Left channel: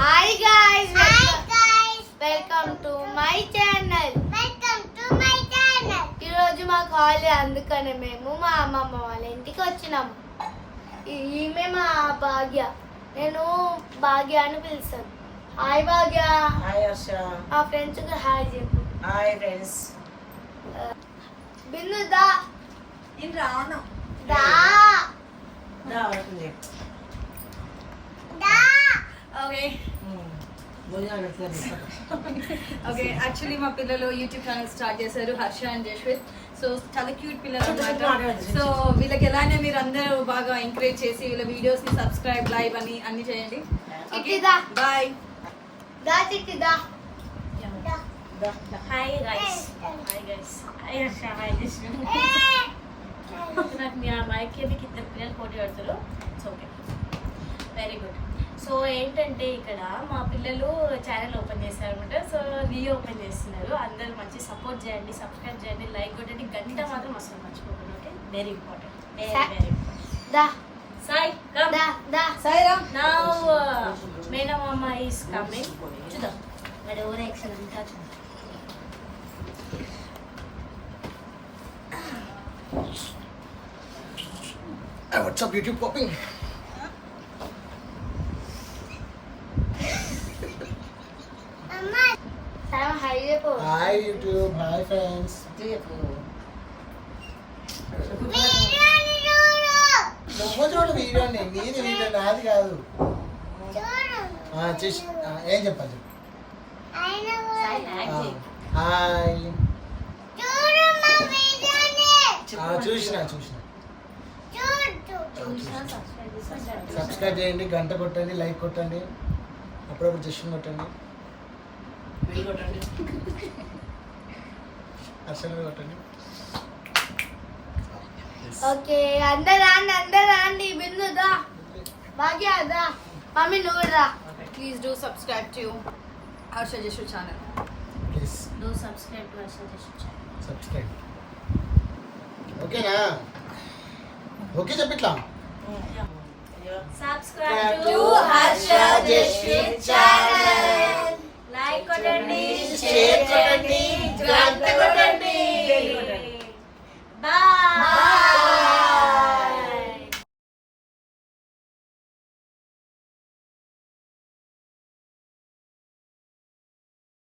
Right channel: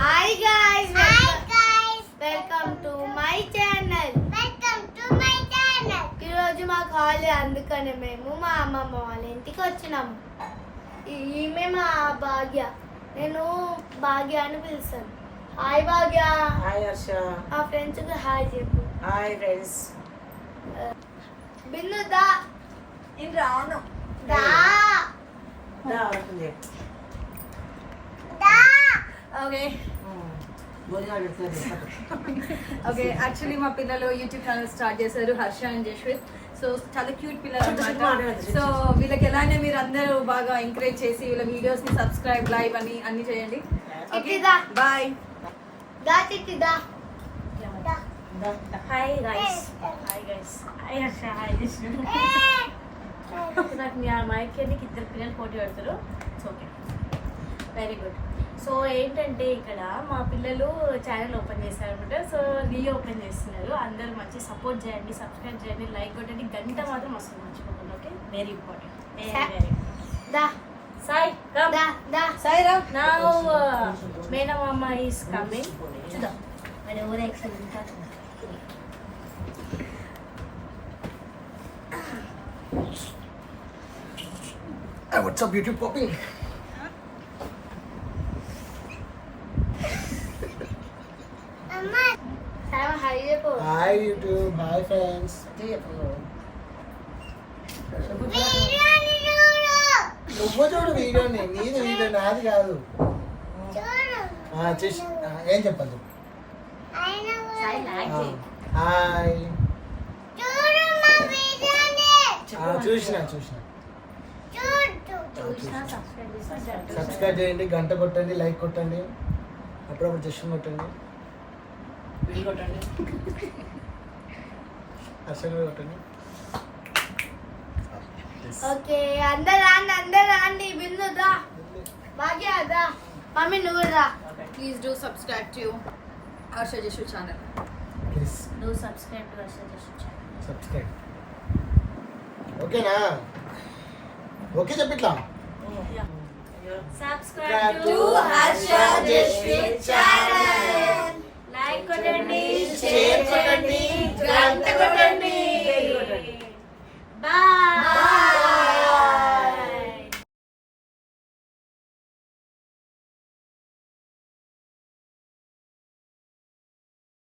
Hi guys welcome to my channel ఈరోజు మాకు holiday, అందుకనే మేము మా అమ్మమ్మ వాళ్ళ ఇంటికి వచ్చినాము. ఈమె మా భాగ్య, నేను భాగ్య అని పిలుస్తాను. హాయ్ భాగ్య. హాయ్ హర్ష. మా ఫ్రెండ్స్ కి హాయ్ చెప్పు. Hi friends. బిన్ను దా నేను రాను. దా దా వస్తుంది. ఓకే ఓకే యాక్చువల్లీ మా పిల్లలు యూట్యూబ్ ఛానల్ స్టార్ట్ చేశారు, హర్ష అండ్ జశ్విత్. సో చాలా క్యూట్ పిల్లలు అన్నమాట. సో వీళ్ళకి ఎలానే మీరు అందరూ బాగా ఎంకరేజ్ చేసి వీళ్ళ వీడియోస్ ని సబ్స్క్రైబ్, లైవ్ అని అన్ని చేయండి. Okay bye. దా చిట్టి దా. Hi guys. Hi guys. Hi Harsha. Hi Jashwith. నాకు మా ఐక్యానికి ఇద్దరు పిల్లలు పోటీ పడతారు. It's okay, very good. So ఏంటంటే ఇక్కడ మా పిల్లలు ఛానల్ ఓపెన్ చేశారు అనమాట. సో ఓపెన్ చేస్తున్నారు. అందరూ మంచి సపోర్ట్ చేయండి, సబ్స్క్రైబ్ చేయండి, లైక్ కొట్టండి, గంట మాత్రం వస్తుంది మర్చిపోకుండా. Okay, very important. వెరీ దా సాయి కమ్. దా దా సాయిరా. నౌ మేనమామ ఈస్ కమింగ్. చూద్దాం మరి ఓవర్ యాక్షన్ అంతా. What's up, YouTube popping? Hi చెప్పు. Hi YouTube, hi friends. నువ్వు చూడు వీడియోని, నీది వీడియో, నాది కాదు. చూసి ఏం చెప్పాలి చెప్పు. హాయ్. చూసిన సబ్స్క్రైబ్ చేయండి, గంట కొట్టండి, లైక్ కొట్టండి, అప్పుడప్పుడు జస్ట్ కొట్టండి, అసలు కొట్టండి. ఓకే అందరు రాండి. బిందు దా, భాగ్య దా, మమ్మీ నువ్వు రా. Please do subscribe to Harsha Jashvi channel. Please do subscribe to Harsha Jashvi channel. Subscribe. ఓకేనా? ఓకే చెప్పిట్లా. Subscribe to Harsha Jashvi channel. Like కొట్టండి, షేర్ చేయండి,